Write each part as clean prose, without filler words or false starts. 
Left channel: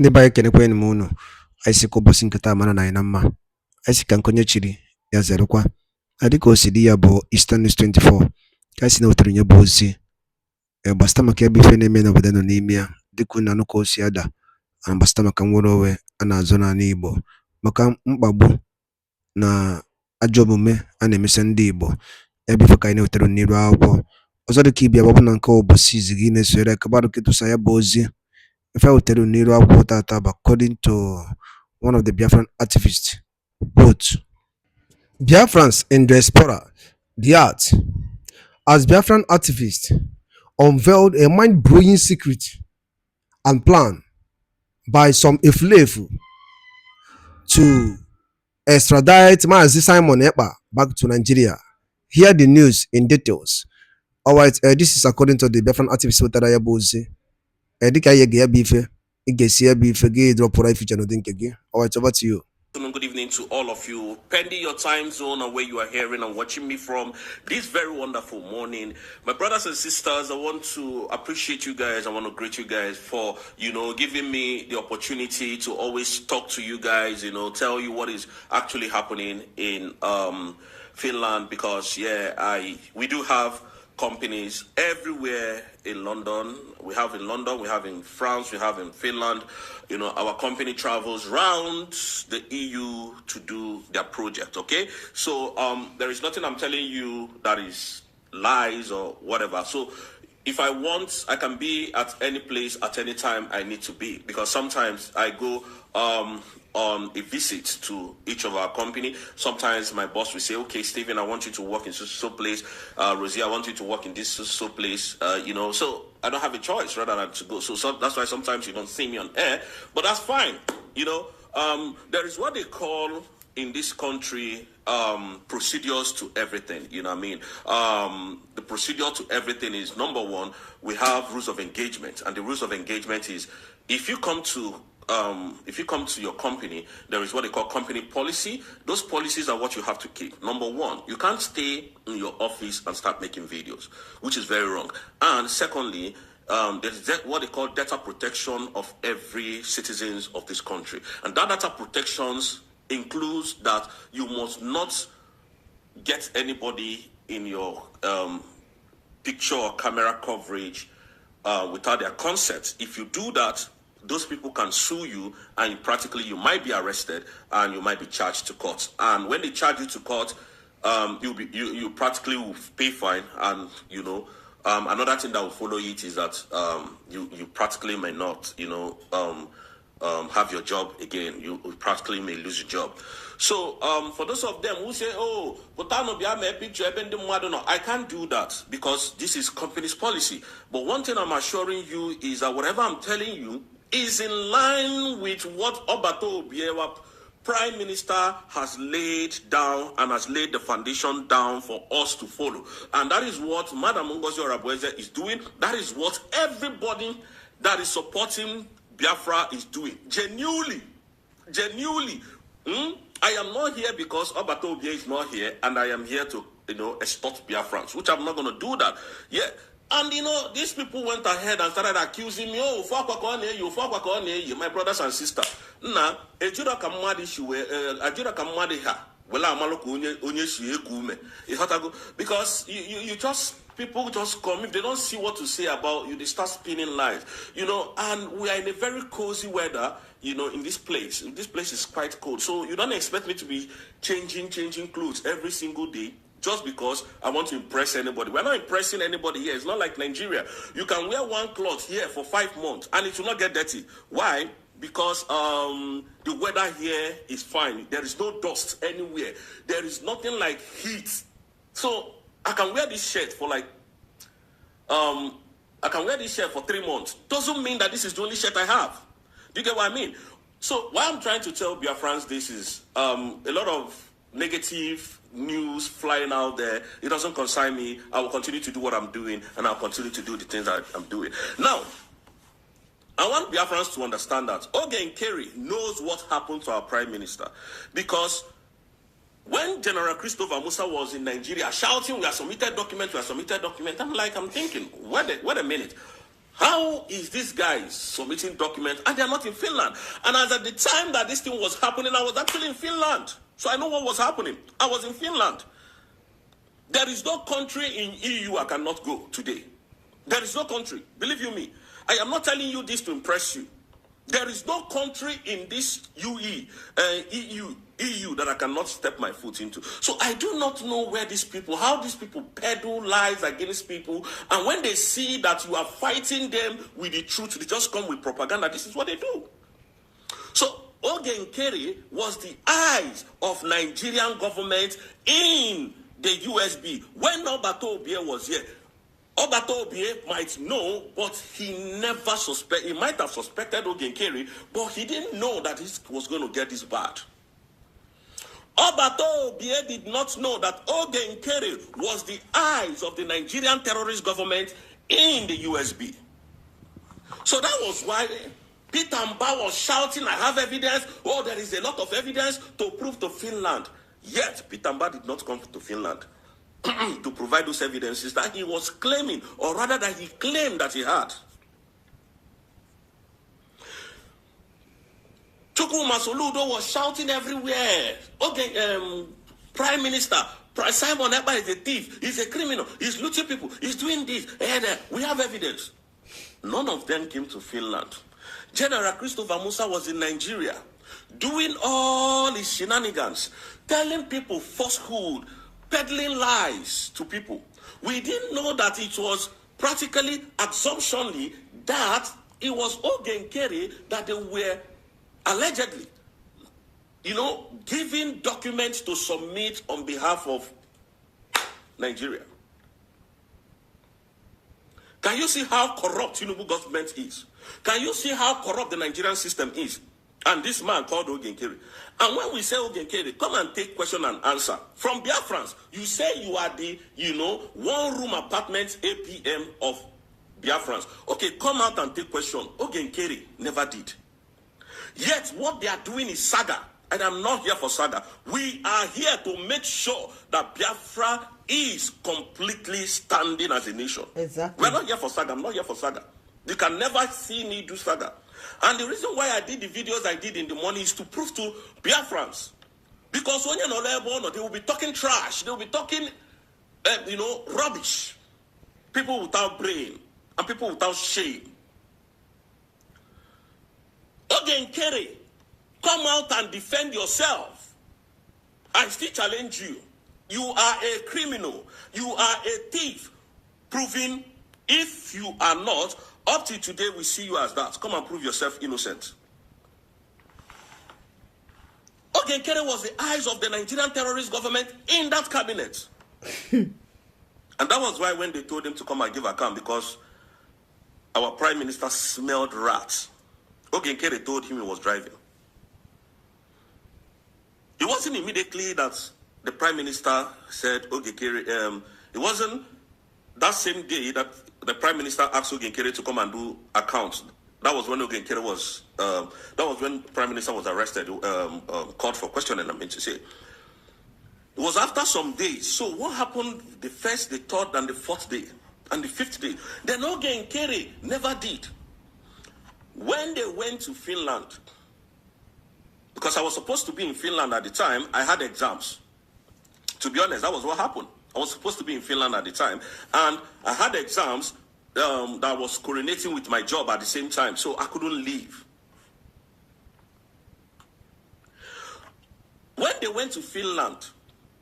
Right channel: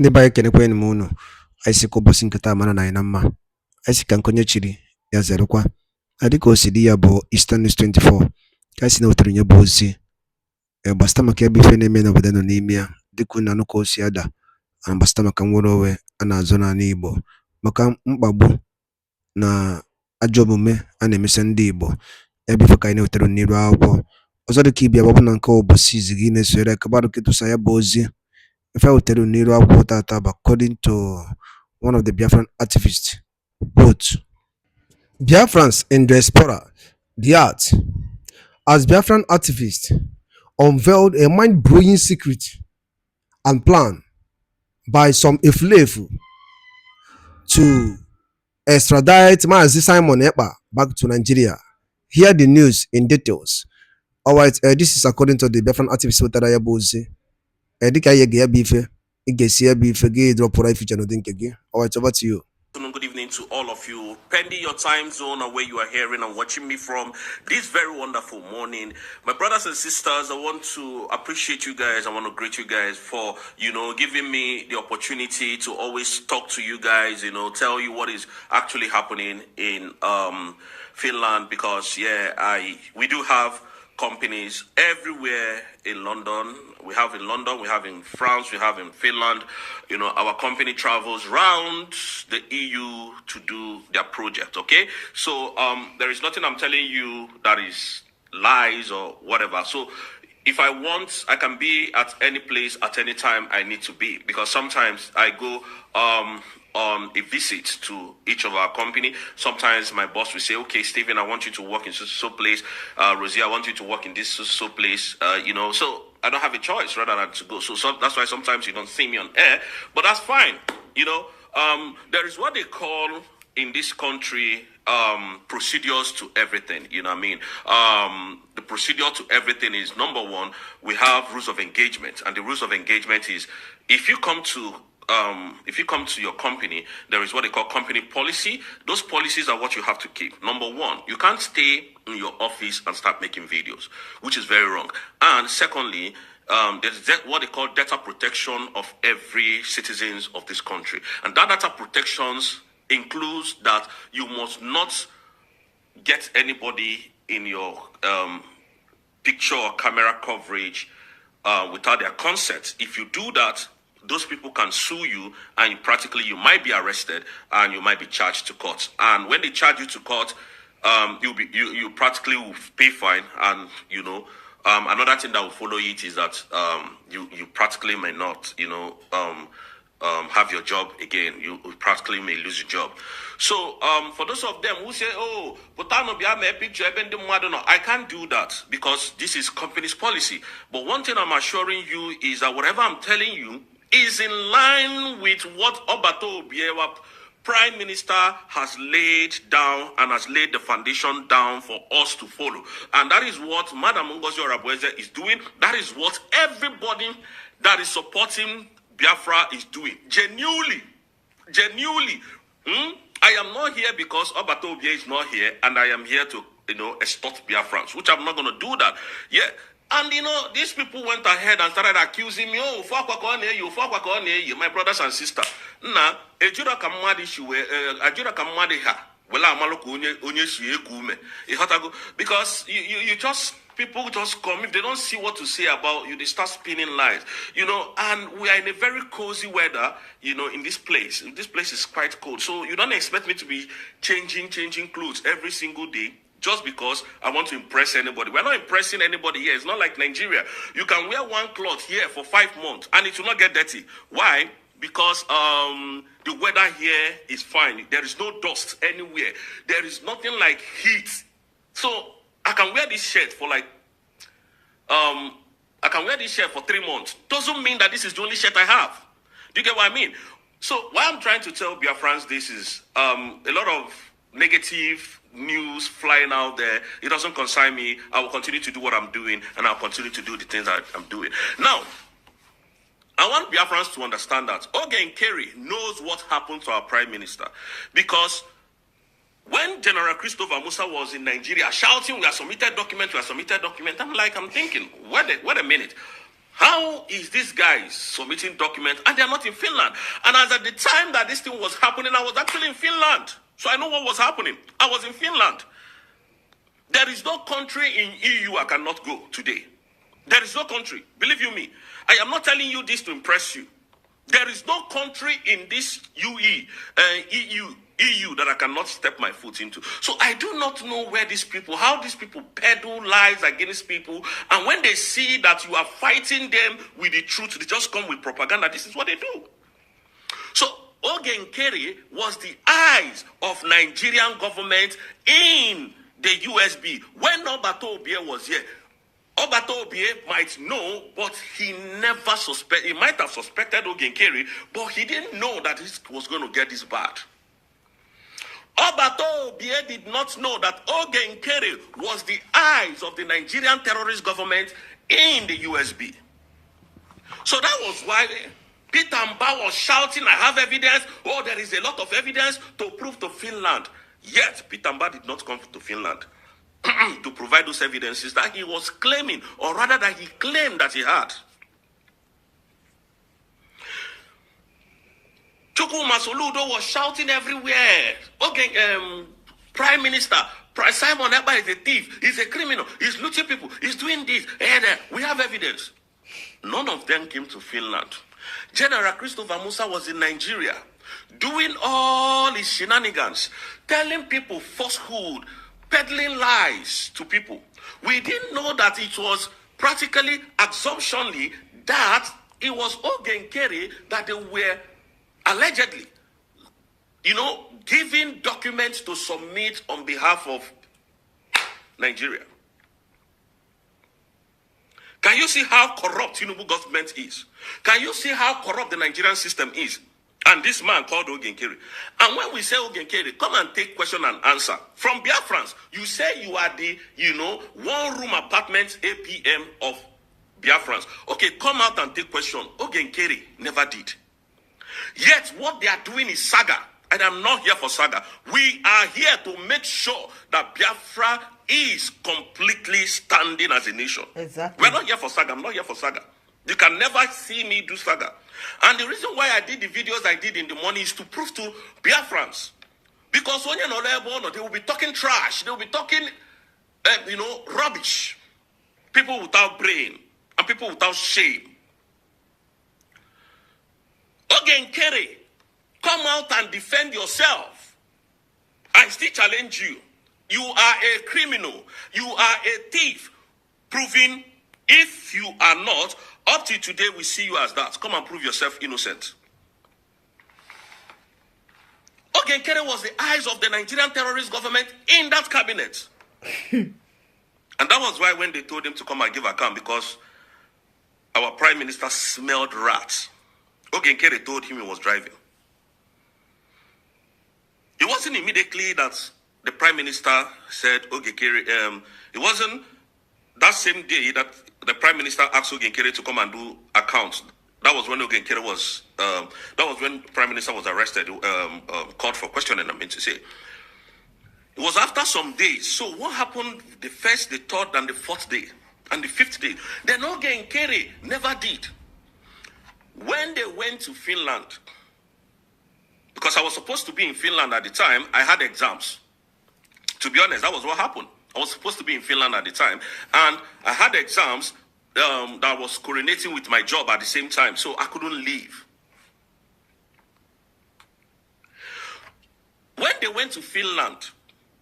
Ndị be anyị kenekwanụ m unu. Anyị sị ka ụbọchị nke taa mara na anyị na mma. Anyị sị ka nke onye chiri ya zerekwa. Dịka o si dị ya bụ Eastern News 24 ka anyị si na-wetara nye bụ ozi gbasata maka ebe ife na-eme n'obodo nọ n'ime ya, dịka unu anụ ka o si ada, gbasata maka nnwere onwe a na-azọ n'ala Igbo, maka mkpagbu na ajọ omume a na-emesa ndị Igbo. Ebe ife ka anyị na-wetara n'iru akwụkwọ ọzọ dịka ibia gbapụ na nke ụbọchị izi gị na-esore kabarụ ketụsa ya bụ ozi. If I will tell you Nero according to one of the Biafran activists, quote, Biafrans in diaspora, the art, as Biafran activists unveiled a mind-blowing secret and plan by some Eflefu to extradite Mazi Simon Ekpa back to Nigeria. Hear the news in details. All right, this is according to the Biafran activists with Tarayabozi. Dịka anyị ga-ya bụ ife ị ga-esi ya bụ ife gị dropụrụ ife n'ụdị nke gị. All right, over to you. Good evening to all of you, pending your time zone and where you are hearing and watching me from this very wonderful morning. My brothers and sisters, I want to appreciate you guys. I want to greet you guys for, giving me the opportunity to always talk to you guys, tell you what is actually happening in Finland, because we do have companies everywhere in London. We have in London, we have in France, we have in Finland. Our company travels around the EU to do their project, okay? So there is nothing I'm telling you that is lies or whatever. So if I want, I can be at any place at any time I need to be, because sometimes I go on a visit to each of our company. Sometimes my boss will say, okay, Stephen, I want you to work in so place. Rosie, I want you to work in this so place. So I don't have a choice rather than to go. So that's why sometimes you don't see me on air, but that's fine. There is what they call in this country procedures to everything. The procedure to everything is, number one, we have rules of engagement, and the rules of engagement is if you come to your company, there is what they call company policy. Those policies are what you have to keep. Number one, you can't stay in your office and start making videos, which is very wrong. And secondly, there's what they call data protection of every citizens of this country. And that data protections includes that you must not get anybody in your picture or camera coverage without their consent. If you do that, those people can sue you, and practically you might be arrested and you might be charged to court. And when they charge you to court, you practically will pay fine. And another thing that will follow it is that you practically may not have your job again. You practically may lose your job. So for those of them who say, oh, but I can't do that because this is company's policy. But one thing I'm assuring you is that whatever I'm telling you is in line with what Obato Obiewa, Prime Minister, has laid down and has laid the foundation down for us to follow. And that is what Madam Ngozi Orabweze is doing. That is what everybody that is supporting Biafra is doing. Genuinely. I am not here because Obato Obie is not here, and I am here to, extort Biafrans, which I'm not going to do that. Yeah. And these people went ahead and started accusing me, oh, you, my brothers and sisters. Nah, ejura kamadi shiwe, ajura kamadi ha. Wela amaloku onye shiye kume. Because you just, people just come, if they don't see what to say about you, they start spinning lies. And we are in a very cozy weather, in this place. This place is quite cold. So you don't expect me to be changing clothes every single day, just because I want to impress anybody. We're not impressing anybody here. It's not like Nigeria. You can wear one cloth here for 5 months and it will not get dirty. Why? Because the weather here is fine. There is no dust anywhere. There is nothing like heat. So I can wear this shirt for 3 months. Doesn't mean that this is the only shirt I have. Do you get what I mean? So what I'm trying to tell Biafrans this is a lot of negative news flying out there. It doesn't concern me. I will continue to do what I'm doing, and I'll continue to do the things that I'm doing. Now, I want Biafrans to understand that Ogen Kerry knows what happened to our Prime Minister, because when General Christopher Musa was in Nigeria shouting, we have submitted documents, I'm thinking, wait a minute. How is these guys submitting documents and they are not in Finland? And as at the time that this thing was happening, I was actually in Finland. So I know what was happening. I was in Finland. There is no country in EU I cannot go today. There is no country. Believe you me. I am not telling you this to impress you. There is no country in this EU that I cannot step my foot into. So I do not know how these people peddle lies against people. And when they see that you are fighting them with the truth, they just come with propaganda. This is what they do. So Ogen Kerry was the eyes of Nigerian government in the USB. When Obato Obie was here, Obato Obie might know, but he never suspected. He might have suspected Ogen Kerry, but he didn't know that it was going to get this bad. Obato Obie did not know that Ogen Kerry was the eyes of the Nigerian terrorist government in the USB. So that was why Peter Mba was shouting, I have evidence. Oh, there is a lot of evidence to prove to Finland. Yet, Peter Mba did not come to Finland to provide those evidences that he was claiming, or rather that he claimed that he had. Chukwuma Soludo was shouting everywhere. Okay, Prime Minister, Simon Ekpa is a thief, he's a criminal, he's looting people, he's doing this, and we have evidence. None of them came to Finland. General Christopher Musa was in Nigeria, doing all his shenanigans, telling people falsehood, peddling lies to people. We didn't know that it was practically assumptionally that it was Ogen Kerry that they were allegedly, giving documents to submit on behalf of Nigeria. Can you see how corrupt Tinubu government is? Can you see how corrupt the Nigerian system is? And this man called Ogen Kerry. And when we say Ogen Kerry, come and take question and answer. From Biafrans, you say you are the, one-room apartment APM of Biafrans. Okay, come out and take question. Ogen Kerry never did. Yet, what they are doing is saga. And I'm not here for saga. We are here to make sure that Biafra is completely standing as a nation. Exactly. We're not here for saga. I'm not here for saga. You can never see me do saga. And the reason why I did the videos I did in the morning is to prove to Biafrans. Because when you're not they will be talking trash. They will be talking, rubbish. People without brain and people without shame. Ogen Kerry, come out and defend yourself. I still challenge you. You are a criminal. You are a thief. Proving if you are not, up till today we see you as that. Come and prove yourself innocent. Ogen Kerry was the eyes of the Nigerian terrorist government in that cabinet. And that was why when they told him to come and give account, because our prime minister smelled rats, Ogen Kerry told him he was driving. It wasn't immediately that the prime minister said, Ogen Kerry, it wasn't that same day that the prime minister asked Ogen Kerry to come and do accounts. That was when Ogen Kerry was, that was when prime minister was arrested, called for questioning, I mean to say. It was after some days. So what happened the first, the third, and the fourth day, and the fifth day? Then Ogen Kerry never did. When they went to Finland, because I was supposed to be in Finland at the time, I had exams. To be honest, that was what happened. I was supposed to be in Finland at the time, and I had exams that was coordinating with my job at the same time, so I couldn't leave. When they went to Finland,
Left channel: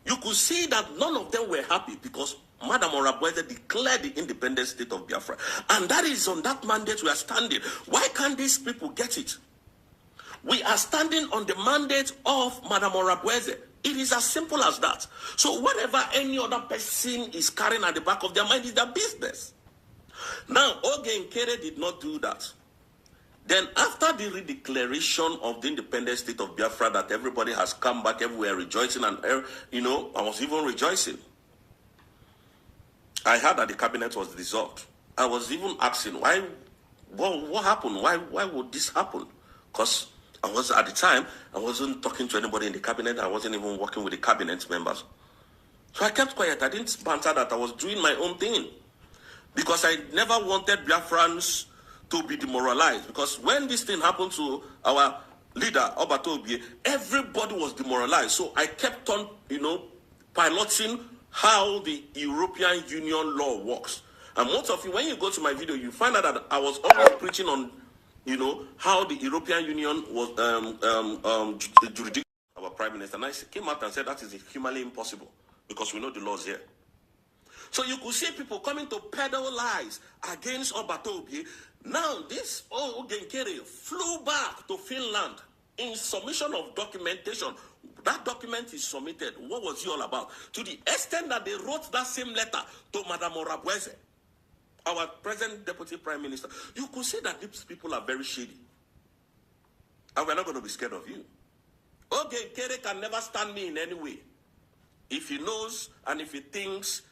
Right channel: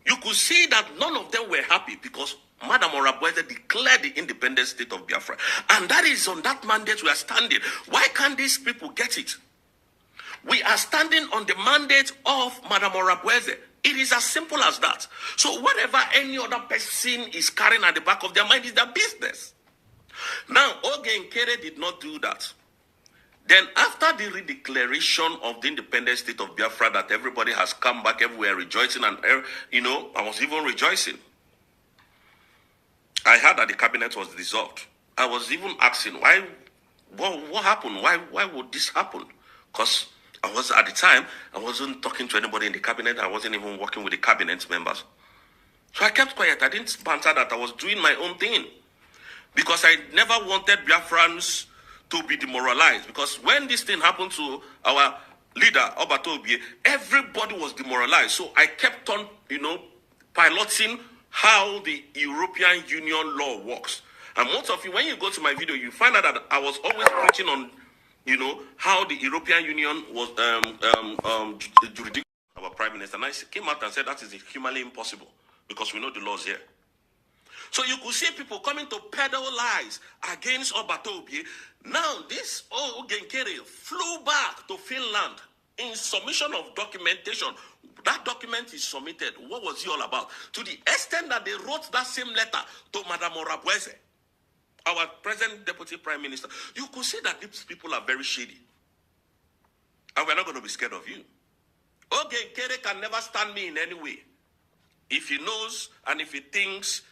you could see that none of them were happy because Madam Orabueze declared the independent state of Biafra. And that is on that mandate we are standing. Why can't these people get it? We are standing on the mandate of Madam Orabueze. It is as simple as that. So whatever any other person is carrying at the back of their mind is their business. Now, Ogen Kerry did not do that. Then after the redeclaration of the independent state of Biafra, that everybody has come back everywhere rejoicing, and I was even rejoicing. I heard that the cabinet was dissolved. I was even asking, why, what happened? Why would this happen? Because I was, at the time, I wasn't talking to anybody in the cabinet. I wasn't even working with the cabinet members. So I kept quiet. I didn't banter that. I was doing my own thing. because I never wanted Biafrans to be demoralized. Because when this thing happened to our leader, Obatobie, everybody was demoralized. So I kept on, piloting how the European Union law works. And most of you, when you go to my video, you find out that I was always preaching on, how the European Union was jurisdiction of our prime minister. And I came out and said that is humanly impossible because we know the laws here. So you could see people coming to peddle lies against Obatobie. Now this Ogenkere flew back to Finland in submission of documentation. That document is submitted. What was he all about? To the extent that they wrote that same letter to Madame Orabweze, our present deputy prime minister. You could see that these people are very shady. And we're not going to be scared of you. Ogenkere can never stand me in any way. If he knows and if he thinks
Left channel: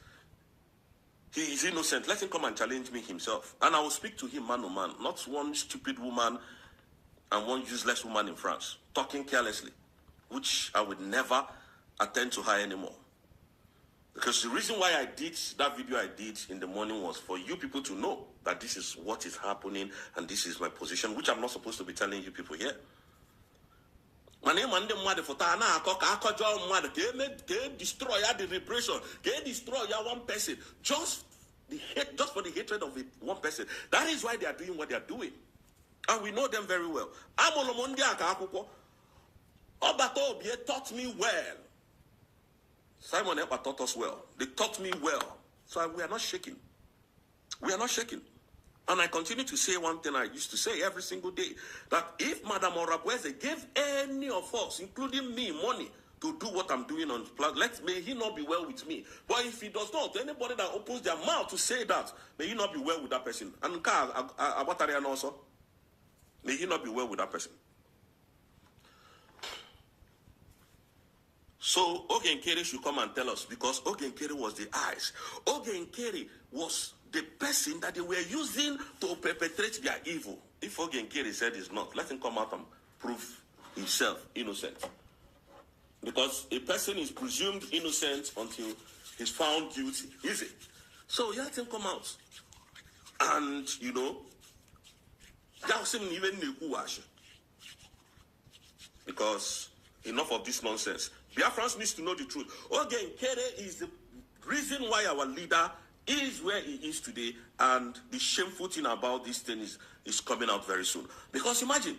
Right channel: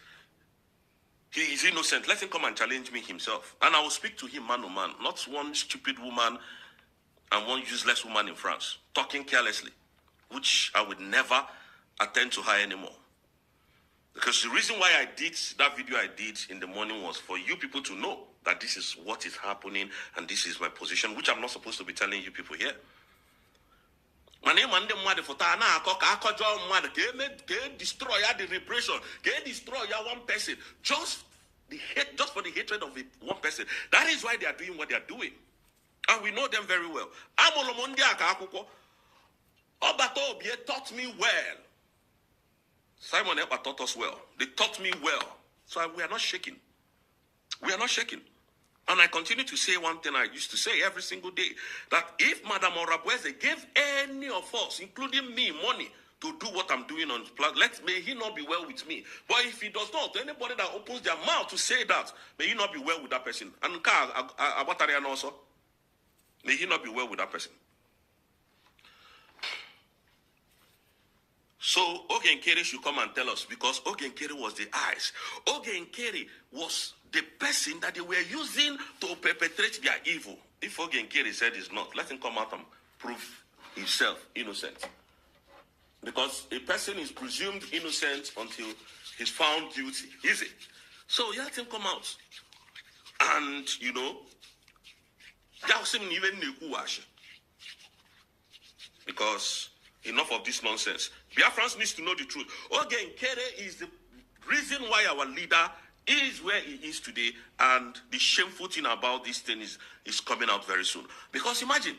he is innocent, let him come and challenge me himself. And I will speak to him man to man, not one stupid woman and one useless woman in France, talking carelessly, which I would never attend to her anymore. Because the reason why I did that video I did in the morning was for you people to know that this is what is happening and this is my position, which I'm not supposed to be telling you people here. My name and the mother for Tana, destroy the repression, destroy one person, just for the hatred of one person. That is why they are doing what they are doing. And we know them very well. Obatobie taught me well. Simon Ekpa taught us well. They taught me well. So we are not shaking. We are not shaking. And I continue to say one thing I used to say every single day, that if Madame Orabweze gave any of us, including me, money to do what I'm doing on planet, may he not be well with me. But if he does not, anybody that opens their mouth to say that, may he not be well with that person. And also, may he not be well with that person. So Ogenkere should come and tell us, because Ogenkere was the eyes. Ogenkere was the person that they were using to perpetrate their evil. If Ogenkere said he's not, let him come out and prove himself innocent. Because a person is presumed innocent until he's found guilty. Is it? So let him come out. And, because enough of this nonsense. Biafrans needs to know the truth. Ogenkere is the reason why our leader is where he is today, and the shameful thing about this thing is coming out very soon. Because imagine,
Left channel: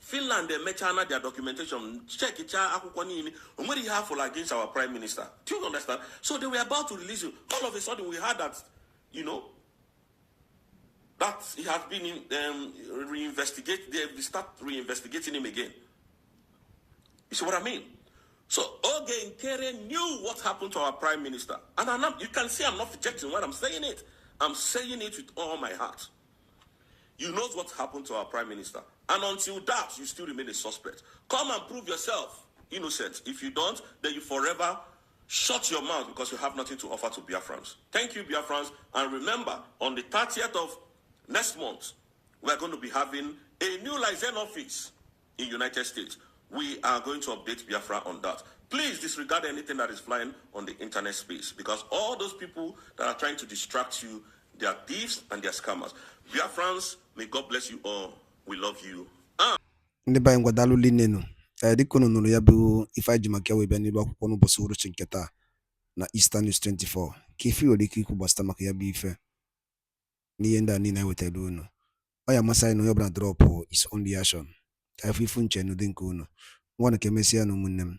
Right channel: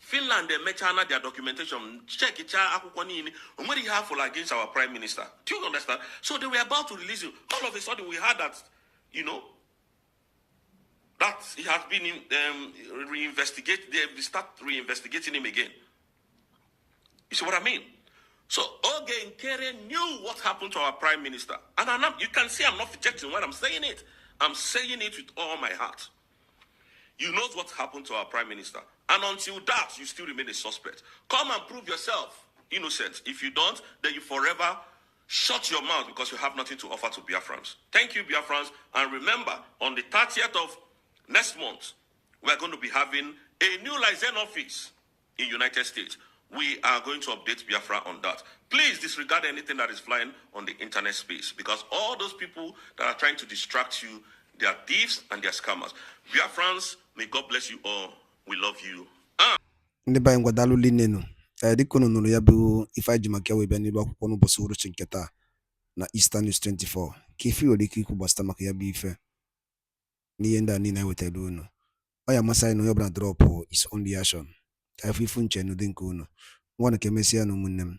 Finland, they mechana their documentation, check it out, what he have against our prime minister. Do you understand? So they were about to release him. All of a sudden, we heard that, that he has been reinvestigated. They start reinvestigating him again. You see what I mean? So Ogenkere knew what happened to our prime minister. And you can see I'm not rejecting when I'm saying it. I'm saying it with all my heart. You know what happened to our prime minister. And until that, you still remain a suspect. Come and prove yourself innocent. If you don't, then you forever shut your mouth because you have nothing to offer to Biafrans. Thank you, Biafrans. And remember, on the 30th of next month, we're going to be having a new liaison office in United States. We are going to update Biafra on that. Please disregard anything that is flying on the internet space, because all those people that are trying to distract you, they are thieves and they are scammers. Biafrans, may God bless you all. We love you. Ndị be anyị ngwadalụ linenu dịka unu nụrụ ya bụ ife anyị ji maka wee bịa n'ilu akwụkwọ n'ụbọchị uhuruchi nke taa na Eastern News 24 ka ife nwere ike ikwu gbasata maka ya bụ ife n'ihe ndị a niile anyị wetara unu. Ọ ya amasị anyị na onye ọbụla drọpụ his own reaction ka ife ifu nche n'ụdị nke unu. Nwa na ka emesịa na ụmụnne m.